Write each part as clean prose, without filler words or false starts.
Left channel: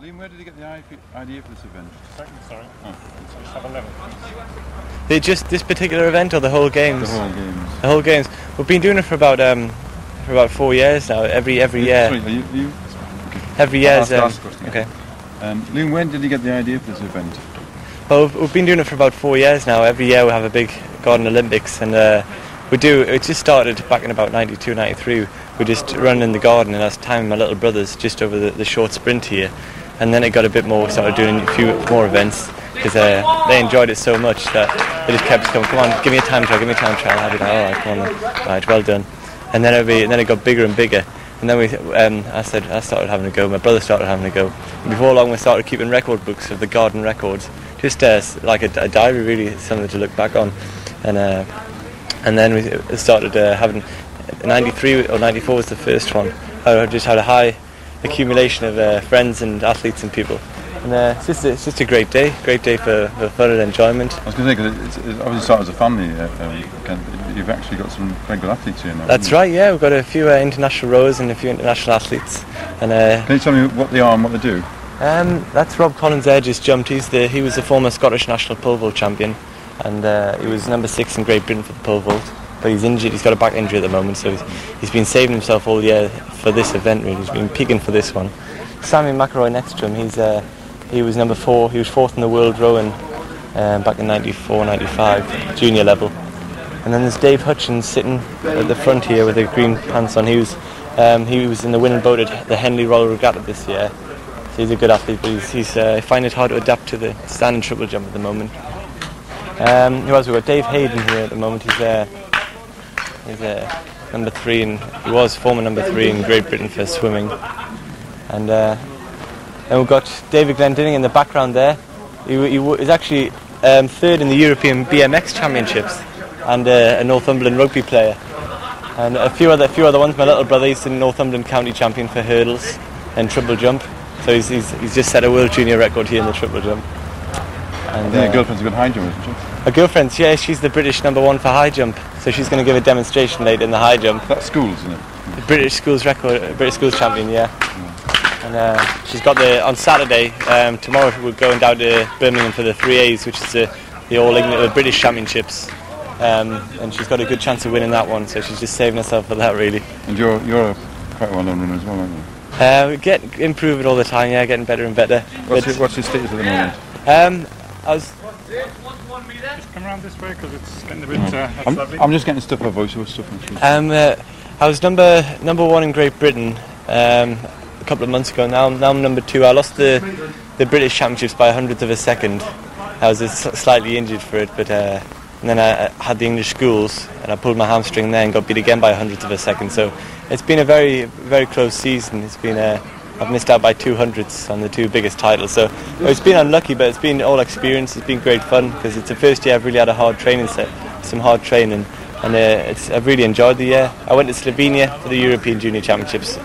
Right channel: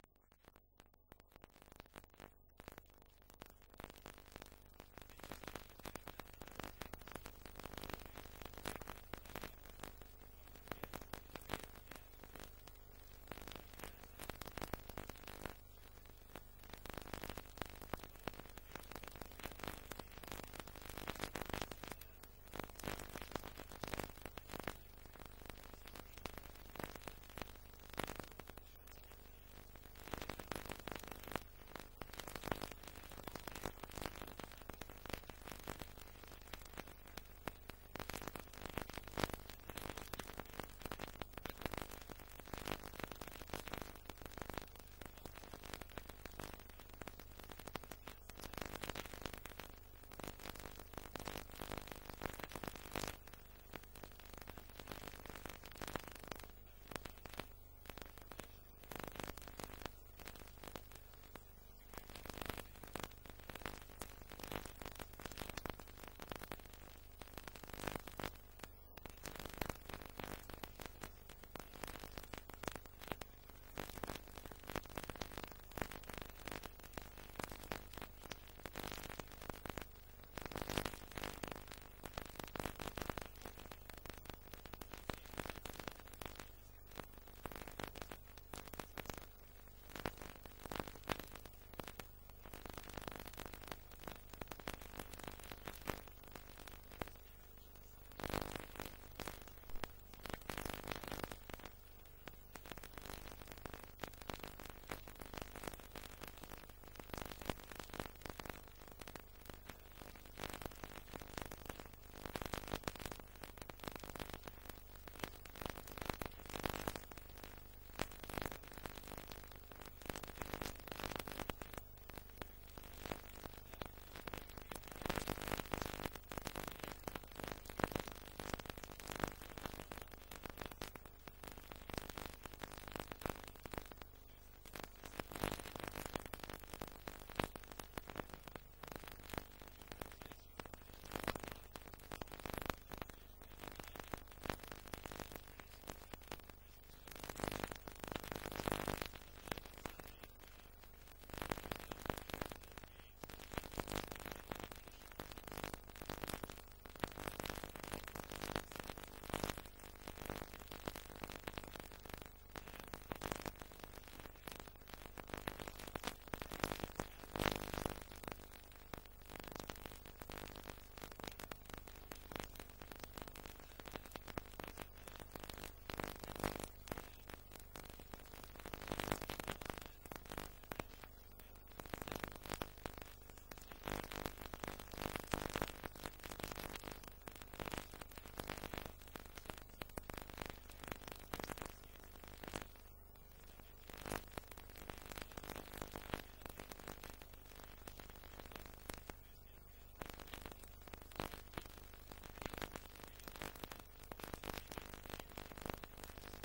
Liam, where did you get the idea for this event? Second, sorry. Oh. Let's have a level. Just this particular event or the whole games? The whole games. The whole games. We've been doing it for about 4 years now. Every year. Sorry, are you? Okay. Every year. Okay. Liam, when did you get the idea for this event? Well, we've been doing it for about 4 years now. Every year we have a big garden Olympics, and it just started back in about 92, 93. We just run in the garden, and that's Tyne, my little brothers, just over the short sprint here. And then it got a bit more, started doing a few more events, because they enjoyed it so much that they just kept coming, come on, give me a time trial, I'll have it. Alright, come on then. Right, well done. And then it got bigger and bigger. And then I started having a go, my brother started having a go. And before long we started keeping record books of the garden records, just like a diary really, something to look back on. And then we started having, 93 or 94 was the first one. I just had a high accumulation of friends and athletes and people. And it's just a great day for fun and enjoyment. I was going to say, because it obviously started as a family, you've actually got some very good athletes here now. That's right, yeah, we've got a few international rowers and a few international athletes. And can you tell me what they are and what they do? That's Rob Collins-Edge has jumped. He was the former Scottish national pole vault champion, and he was number 6 in Great Britain for the pole vault. But he's injured. He's got a back injury at the moment, so he's been saving himself all year for this event. Really, he's been peaking for this one. Sammy McElroy next to him. He was number 4. He was 4th in the world rowing back in 94, 95, junior level. And then there's Dave Hutchins sitting at the front here with the green pants on. He was in the winning boat at the Henley Royal Regatta this year. So he's a good athlete, but he's finding it hard to adapt to the standing triple jump at the moment. Who else? We've got Dave Hayden here at the moment. He's number 3, and he was former number 3 in Great Britain for swimming. And then we've got David Glendinning in the background there. He was actually 3rd in the European BMX Championships, and a Northumberland rugby player. And a few other ones. My little brother, he's the Northumberland county champion for hurdles and triple jump. So he's just set a world junior record here in the triple jump. And your girlfriend's a good high jumper, isn't she? Her girlfriend, yeah, she's the British number 1 for high jump. So she's going to give a demonstration later in the high jump. That's schools, isn't it? The British schools record, British schools champion, yeah. And she's got on Saturday, tomorrow we're going down to Birmingham for the 3As, which is the All England British Championships. And she's got a good chance of winning that one, so she's just saving herself for that, really. And you're a quite well-known runner as well, aren't you? We improve it all the time, yeah, getting better and better. What's your status at the moment? Just come around this way because it's getting a bit. I'm just getting stuff for voiceover stuff. I was number 1 in Great Britain a couple of months ago. Now I'm number 2. I lost the British Championships by 100th of a second. I was slightly injured for it, but and then I had the English schools and I pulled my hamstring there and got beat again by 100th of a second. So it's been a very, very close season. It's been I've missed out by 200ths on the 2 biggest titles. So it's been unlucky, but it's been all experience. It's been great fun because it's the first year I've really had a hard training set, some hard training, and I've really enjoyed the year. I went to Slovenia for the European Junior Championships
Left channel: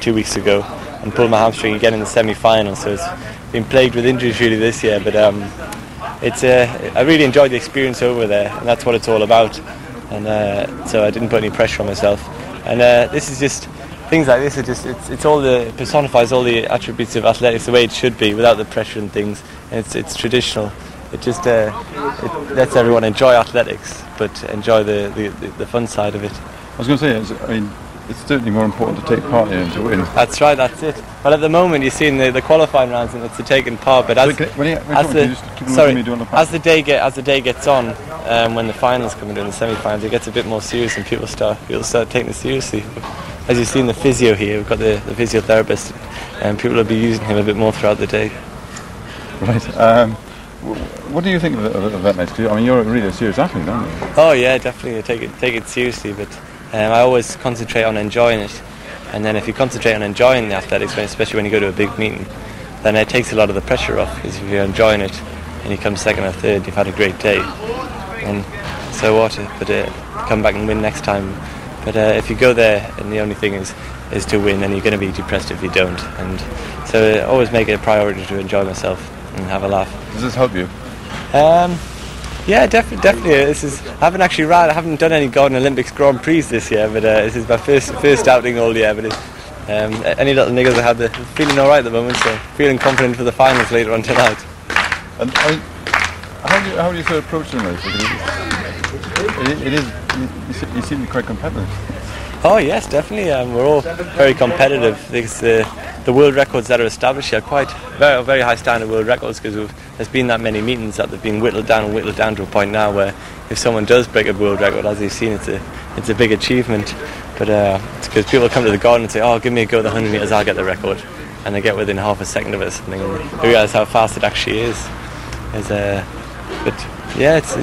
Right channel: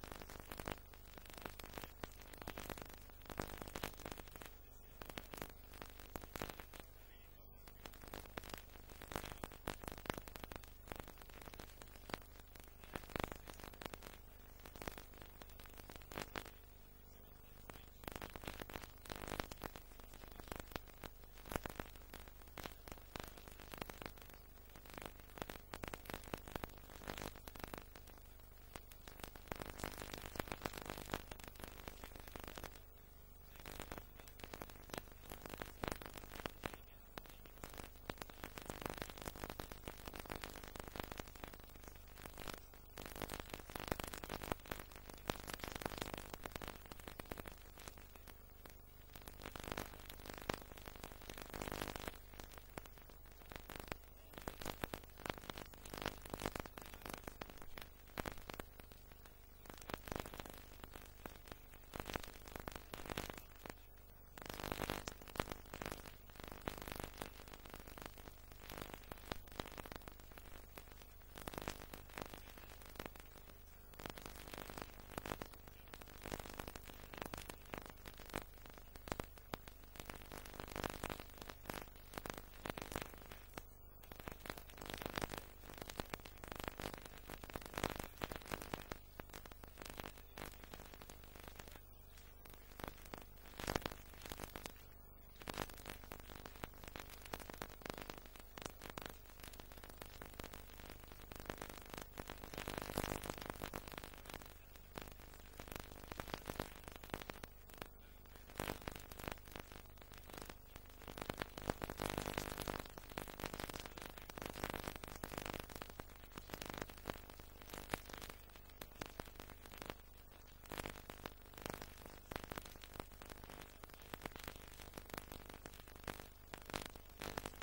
2 weeks ago and pulled my hamstring again in the semi-final. So it's been plagued with injuries really this year, but I really enjoyed the experience over there, and that's what it's all about. And so I didn't put any pressure on myself. And this is just. Things like this are just, it personifies all the attributes of athletics the way it should be, without the pressure and things. And it's traditional. It just it lets everyone enjoy athletics, but enjoy the fun side of it. I was going to say, it's certainly more important to take part here and to win. That's right, that's it. Well, at the moment you're seeing the qualifying rounds and it's the taking part, but as the day gets on, when the finals come in and the semi-finals, it gets a bit more serious and people start taking it seriously. As you've seen the physio here, we've got the physiotherapist, and people will be using him a bit more throughout the day. Right. What do you think of event nights? I mean, you're really a serious athlete, aren't you? Oh yeah, definitely. I take it seriously, but I always concentrate on enjoying it. And then if you concentrate on enjoying the athletics, especially when you go to a big meeting, then it takes a lot of the pressure off. Because if you're enjoying it and you come 2nd or 3rd, you've had a great day. And so what? But come back and win next time. But if you go there and the only thing is to win, then you're going to be depressed if you don't. And so I always make it a priority to enjoy myself and have a laugh. Does this help you? Yeah, definitely. I haven't done any Garden Olympics Grand Prix this year, but this is my first outing all year. But Any little niggles I had, they're feeling all right at the moment, so feeling confident for the finals later on tonight. And I mean, how do you sort of approach the race? You seem to be quite competitive. Oh yes, definitely. We're all very competitive. Because, the world records that are established here are quite very high standard world records, because there's been that many meetings that they've been whittled down to a point now where if someone does break a world record, as you've seen, it's a big achievement. But it's because people come to the garden and say, "Oh, give me a go at the 100 metres, I'll get the record," and they get within half a second of it, and they realise how fast it actually is. But yeah, it's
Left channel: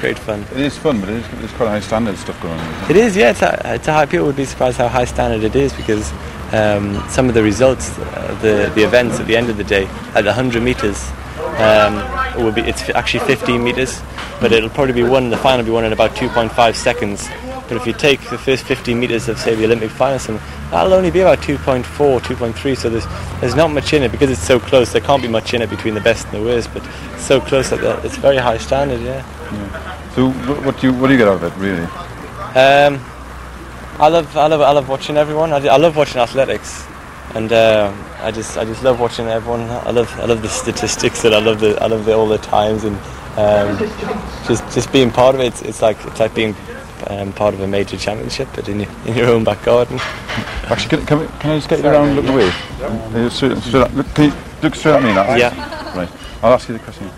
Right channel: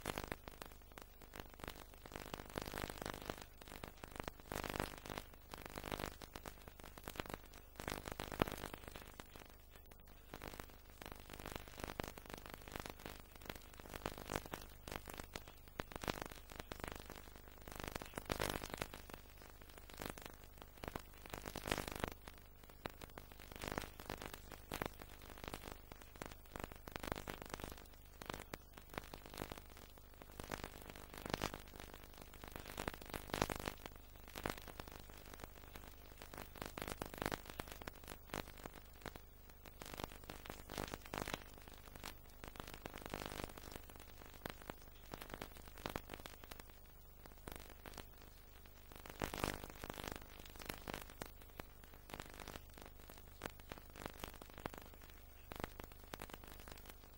great fun. It is fun, but it's quite high standard stuff going on. It is, yeah. It's a high. People would be surprised how high standard it is, because some of the results, the events at the end of the day, at the 100 metres, it's actually 15 metres, but it'll probably be won. The final will be won in about 2.5 seconds. But if you take the first 15 metres of, say, the Olympic finals, that'll only be about 2.4, 2.3. So there's not much in it, because it's so close. There can't be much in it between the best and the worst. But it's so close that it's very high standard, yeah. So what do you get out of it, really? I love watching everyone. I love watching athletics, and I just love watching everyone. I love the statistics, and I love all the times, and just being part of it. It's like being part of a major championship, but in your own back garden. Actually, can I just get you around and look away? Can you look straight at me now? Yeah. Right. I'll ask you the question.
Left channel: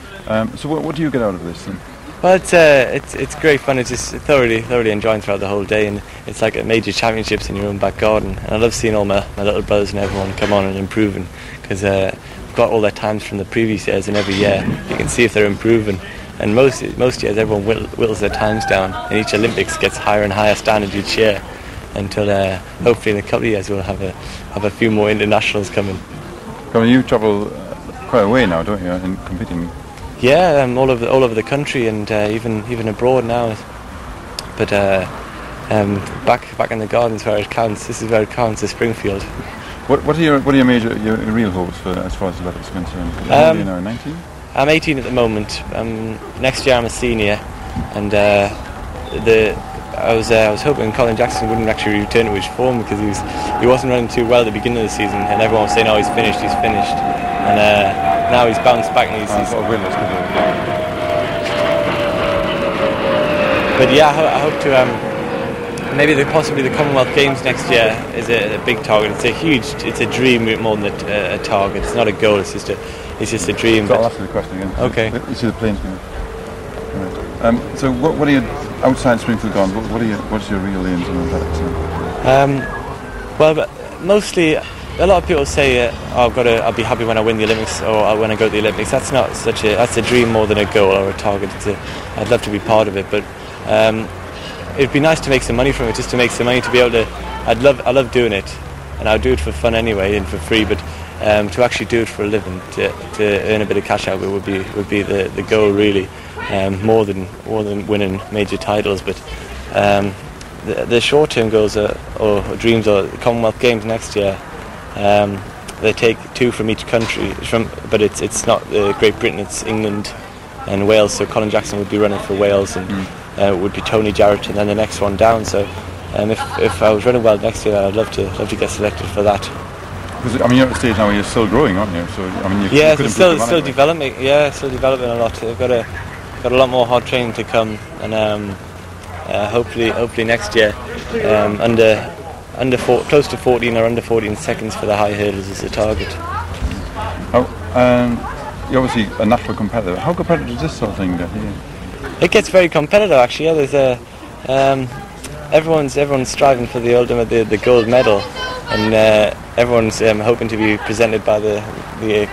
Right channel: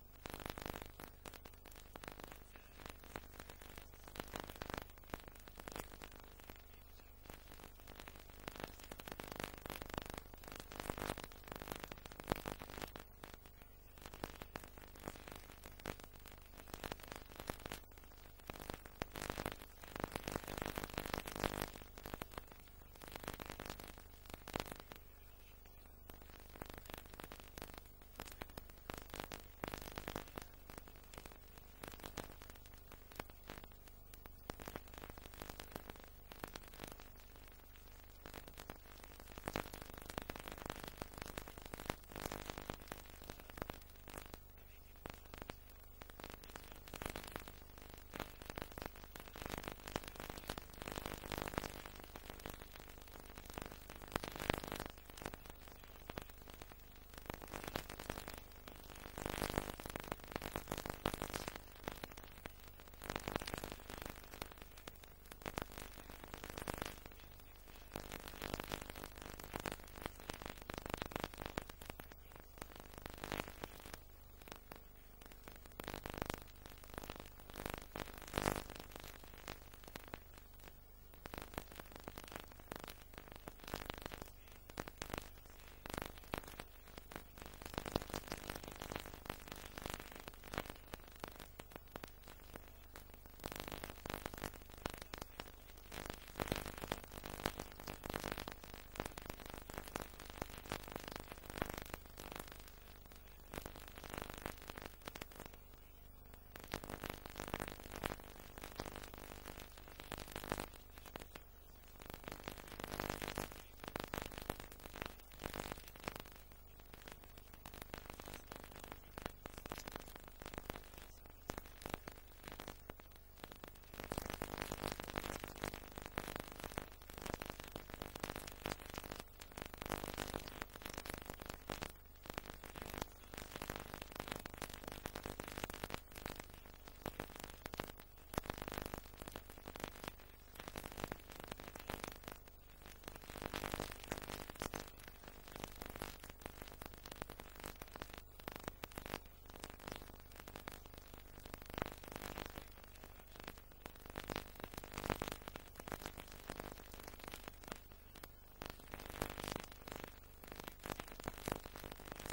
So what do you get out of this then? Well, it's great fun. It's just thoroughly enjoying throughout the whole day, and it's like a major championships in your own back garden. And I love seeing all my little brothers and everyone come on and improving, because we've got all their times from the previous years, and every year you can see if they're improving. And most years everyone whittles their times down, and each Olympics gets higher and higher standard each year, until hopefully in a couple of years we'll have a few more internationals coming. I mean, you travel quite a way now, don't you, in competing? Yeah, all over the country, and even abroad now. But back in the gardens where it counts. This is where it counts, is Springfield. What are your real hopes for, as far as athletics is concerned? How old are you now, 19? I'm 18 at the moment. Next year I'm a senior, and I was hoping Colin Jackson wouldn't actually return to his form, because he wasn't running too well at the beginning of the season, and everyone was saying, "Oh, he's finished," and now he's bounced back, and he's sort of winners. But yeah, I hope to maybe possibly the Commonwealth Games next year is a big target. It's a dream more than a target. It's not a goal. It's just a dream. So I'll ask you the question again. Okay. You see the planes coming. Right. So what are you outside Springfield gone? What's your real aims in athletics? Well, but mostly, a lot of people say, I'll be happy when I win the Olympics, or when I go to the Olympics. That's not that's a dream more than a goal or a target. I'd love to be part of it, but it'd be nice to make some money from it, just to make some money, to be able to. I love doing it, and I'll do it for fun anyway and for free. But to actually do it for a living, to earn a bit of cash out of it would be the goal, really, more than winning major titles. But the short-term goals or dreams are the Commonwealth Games next year. They take 2 from each country, but it's not Great Britain, it's England and Wales. So Colin Jackson would be running for Wales, and it would be Tony Jarrett, and then the next one down. So if I was running well next year, I'd love to get selected for that. Because I mean, you're at a stage now where you're still growing, aren't you? So I mean, you could still developing. Yeah, still developing a lot. I've got a lot more hard training to come, and hopefully next year close to 14 or under 14 seconds for the high hurdles is the target. You're obviously a natural competitor. How competitive is this sort of thing get here? It gets very competitive, actually. Yeah, there's everyone's striving for the ultimate, the gold medal, and everyone's hoping to be presented by the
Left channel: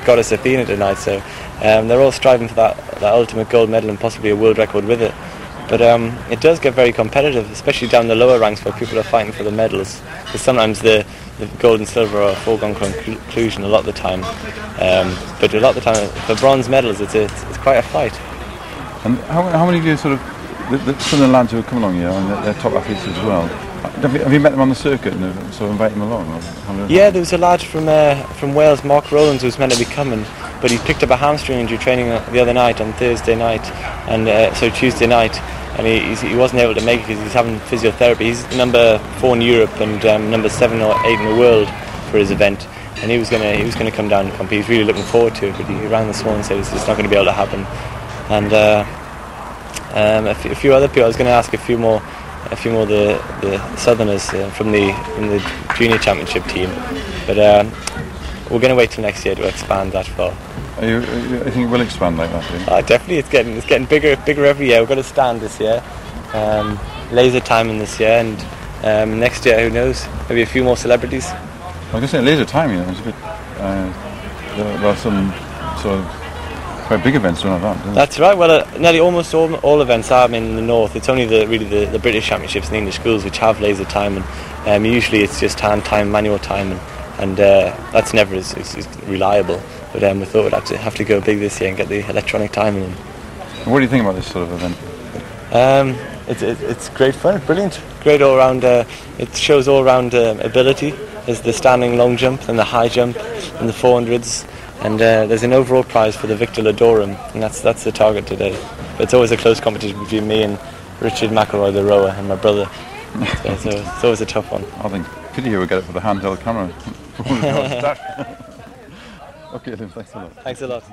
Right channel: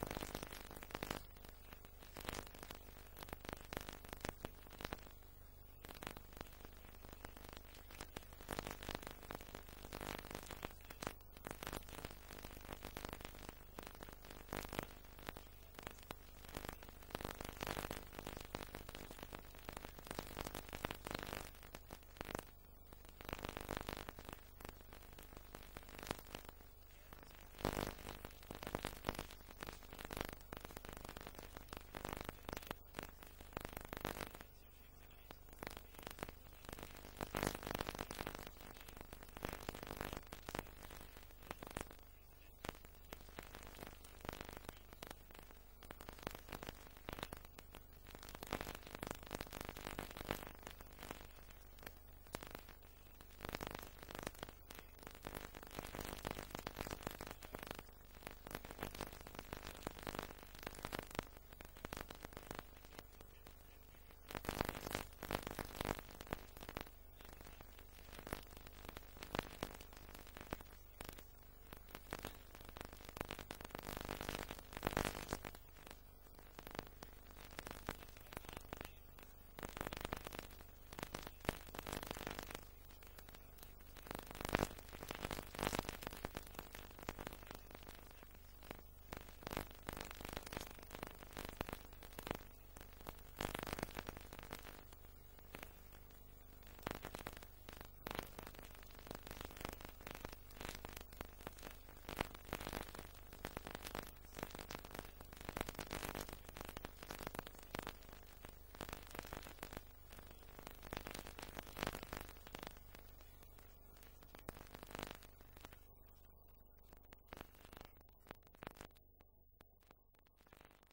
goddess Athena tonight. So they're all striving for that ultimate gold medal and possibly a world record with it. But it does get very competitive, especially down the lower ranks where people are fighting for the medals. Because sometimes the gold and silver are a foregone conclusion a lot of the time. But a lot of the time, for bronze medals, it's quite a fight. And how many of you some of the lads who have come along here, and they're top athletes as well, have you met them on the circuit and sort of invited them along? Yeah, there was a lad from Wales, Mark Rowlands, who was meant to be coming, but he picked up a hamstring injury training the other night on Thursday night, and so Tuesday night, and he wasn't able to make it because he's having physiotherapy. He's number 4 in Europe and number 7 or 8 in the world for his event, and he was gonna come down and compete. He's really looking forward to it, but he rang this morning and said it's not going to be able to happen. And a few other people. I was going to ask a few more of the Southerners from the junior championship team, but we're going to wait till next year to expand that far. I think it will expand like that, do you? Definitely, it's getting bigger every year. We've got a stand this year, laser timing this year, and next year, who knows? Maybe a few more celebrities. I was going to say laser timing. It's a bit. There are some sort of quite big events around that. That's right. Well, nearly almost all events are in the north. It's only the British championships and the English schools which have laser timing. Usually, it's just hand time, manual timing, and that's never as reliable. But we thought we'd have to go big this year and get the electronic timing in. What do you think about this sort of event? It's great fun, brilliant, great all round. It shows all round ability. There's the standing long jump, and the high jump, and the 400s, and there's an overall prize for the Victor Ladorum, and that's the target today. But it's always a close competition between me and Richard McElroy, the rower, and my brother. So it's always a tough one. I think pity you would get it for the handheld camera. Okay, then, thanks a lot. Thanks a lot.